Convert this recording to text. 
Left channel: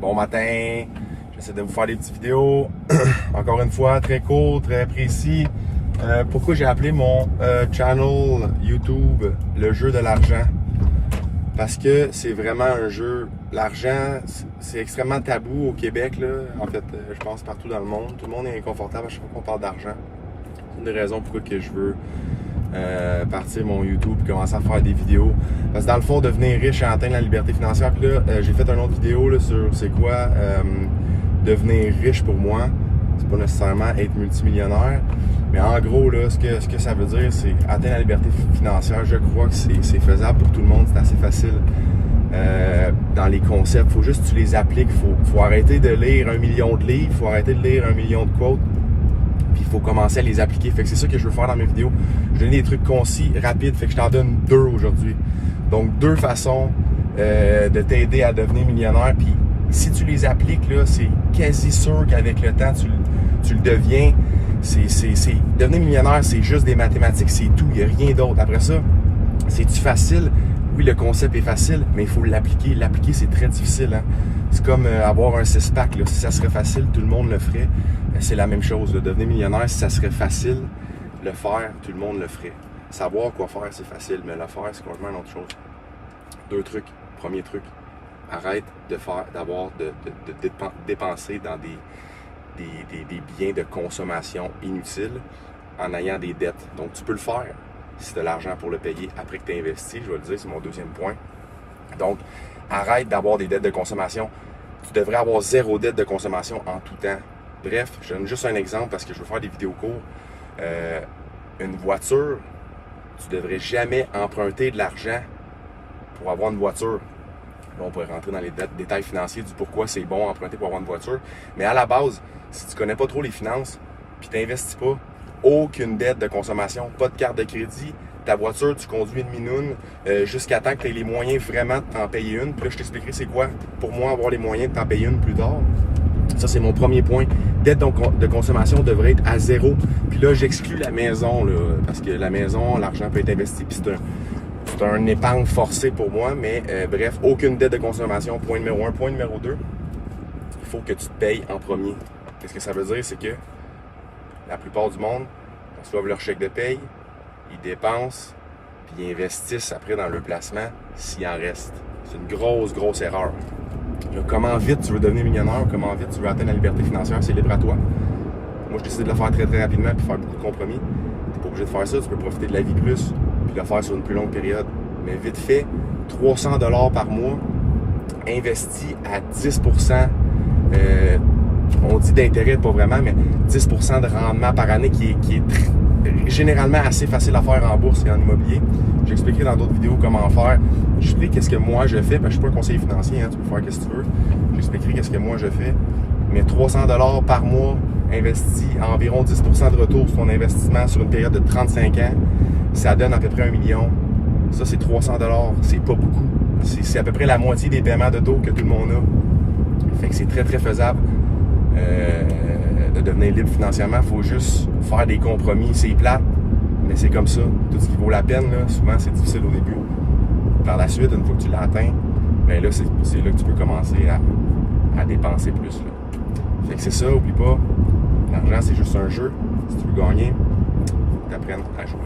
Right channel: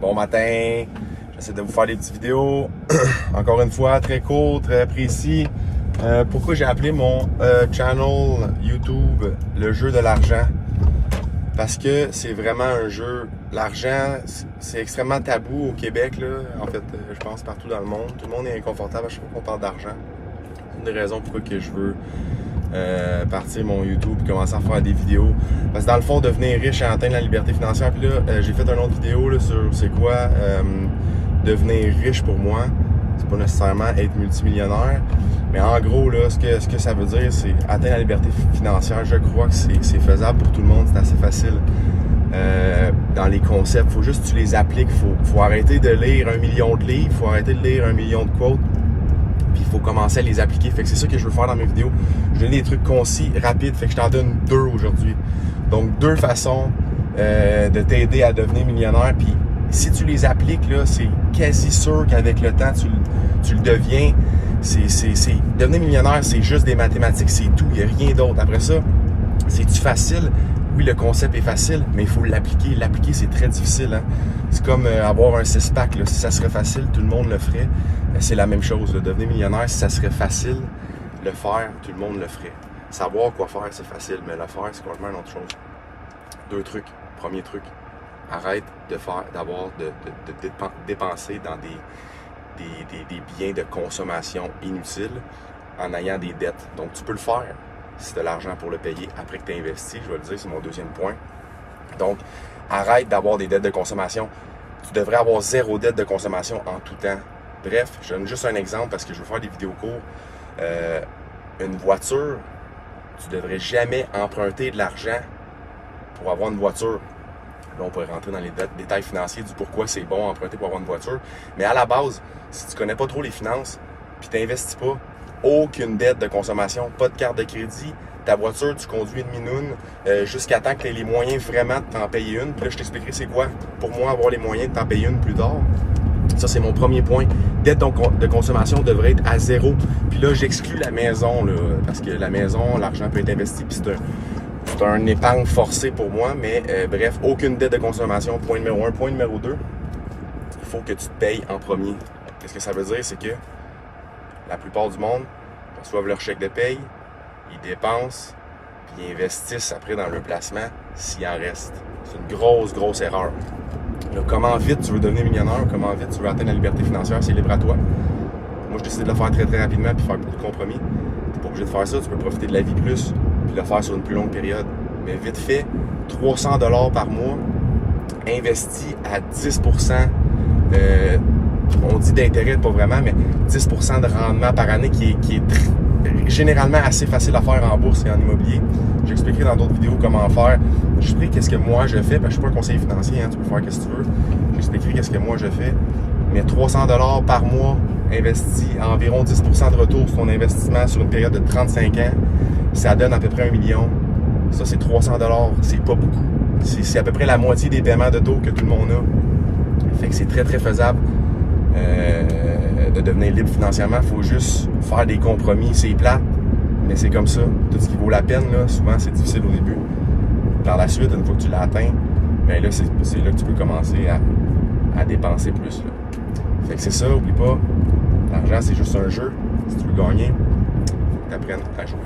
Bon matin, j'essaie de vous faire des petites vidéos, encore une fois, très court, très précis. Pourquoi j'ai appelé mon channel YouTube le jeu de l'argent? Parce que c'est vraiment un jeu, l'argent, c'est extrêmement tabou au Québec, là. En fait, je pense partout dans le monde. Tout le monde est inconfortable à chaque fois qu'on parle d'argent. C'est une des raisons pourquoi que je veux partir mon YouTube et commencer à faire des vidéos. Parce que dans le fond, devenir riche et atteindre la liberté financière. Puis là, j'ai fait une autre vidéo là, sur c'est quoi devenir riche pour moi. C'est pas nécessairement être multimillionnaire. Mais en gros, là, ce que ça veut dire, c'est atteindre la liberté financière. Je crois que c'est faisable pour tout le monde, c'est assez facile. Dans les concepts, il faut juste que tu les appliques. Faut arrêter de lire 1 million de livres, il faut arrêter de lire 1 million de quotes. Puis il faut commencer à les appliquer. Fait que c'est ça que je veux faire dans mes vidéos. Je donne des trucs concis, rapides. Fait que je t'en donne 2 aujourd'hui. Donc 2 façons de t'aider à devenir millionnaire. Puis si tu les appliques, là, c'est quasi sûr qu'avec le temps, tu le deviens. Devenir millionnaire, c'est juste des mathématiques, c'est tout. Il n'y a rien d'autre. Après ça, c'est-tu facile? Oui, le concept est facile, mais il faut l'appliquer. L'appliquer, c'est très difficile. Hein? C'est comme avoir un 6-pack. Si ça serait facile, tout le monde le ferait. C'est la même chose. Là. Devenir millionnaire, si ça serait facile, le faire, tout le monde le ferait. Savoir quoi faire, c'est facile, mais le faire, c'est complètement une autre chose. 2 trucs. Premier truc, arrête de dépenser dans des biens de consommation inutiles en ayant des dettes. Donc, tu peux le faire si tu as l'argent pour le payer après que tu as investi. Je vais le dire, c'est mon 2e point. Donc, arrête d'avoir des dettes de consommation. Tu devrais avoir 0 dette de consommation en tout temps. Bref, je donne juste un exemple parce que je veux faire des vidéos courtes. Une voiture, tu ne devrais jamais emprunter de l'argent pour avoir une voiture. Là, on pourrait rentrer dans les détails financiers du pourquoi c'est bon emprunter pour avoir une voiture. Mais à la base, si tu ne connais pas trop les finances, puis tu n'investis pas, aucune dette de consommation, pas de carte de crédit, ta voiture, tu conduis une minoune jusqu'à temps que tu aies les moyens vraiment de t'en payer une. Puis là, je t'expliquerai c'est quoi pour moi avoir les moyens de t'en payer une plus tard. Ça, c'est mon premier point. Dette de consommation devrait être à 0. Puis là, j'exclus la maison, là, parce que la maison, l'argent peut être investi, puis c'est un épargne forcé pour moi, mais bref, aucune dette de consommation, point numéro 1. Point numéro 2, il faut que tu te payes en premier. Qu'est-ce que ça veut dire? C'est que la plupart du monde reçoivent leur chèque de paye, ils dépensent, puis ils investissent après dans le placement s'il en reste. C'est une grosse erreur. Là, comment vite tu veux devenir millionnaire, comment vite tu veux atteindre la liberté financière, c'est libre à toi. Moi, je décide de le faire très rapidement puis faire beaucoup de compromis. Tu n'es pas obligé de faire ça, tu peux profiter de la vie plus puis le faire sur une plus longue période. Mais vite fait, 300 $ par mois, investi à 10%, on dit d'intérêt, pas vraiment, mais 10% de rendement par année qui est généralement assez facile à faire en bourse et en immobilier. J'expliquerai dans d'autres vidéos comment faire. J'expliquerai qu'est-ce que moi je fais, parce que je suis pas un conseiller financier, hein, tu peux faire ce que tu veux. J'expliquerai qu'est-ce que moi je fais. Mais 300 $ par mois, investi à environ 10% de retour sur ton investissement sur une période de 35 ans, ça donne à peu près 1 million. Ça, c'est 300 $, c'est pas beaucoup. C'est à peu près la moitié des paiements de taux que tout le monde a. Fait que c'est très faisable de devenir libre financièrement. Il faut juste faire des compromis. C'est plate, mais c'est comme ça. Tout ce qui vaut la peine, là, souvent, c'est difficile au début. Par la suite, une fois que tu l'as atteint, ben là, c'est là que tu peux commencer à dépenser plus. Là. Fait que c'est ça, oublie pas, l'argent, c'est juste un jeu. Si tu veux gagner, il faut que tu apprennes à jouer.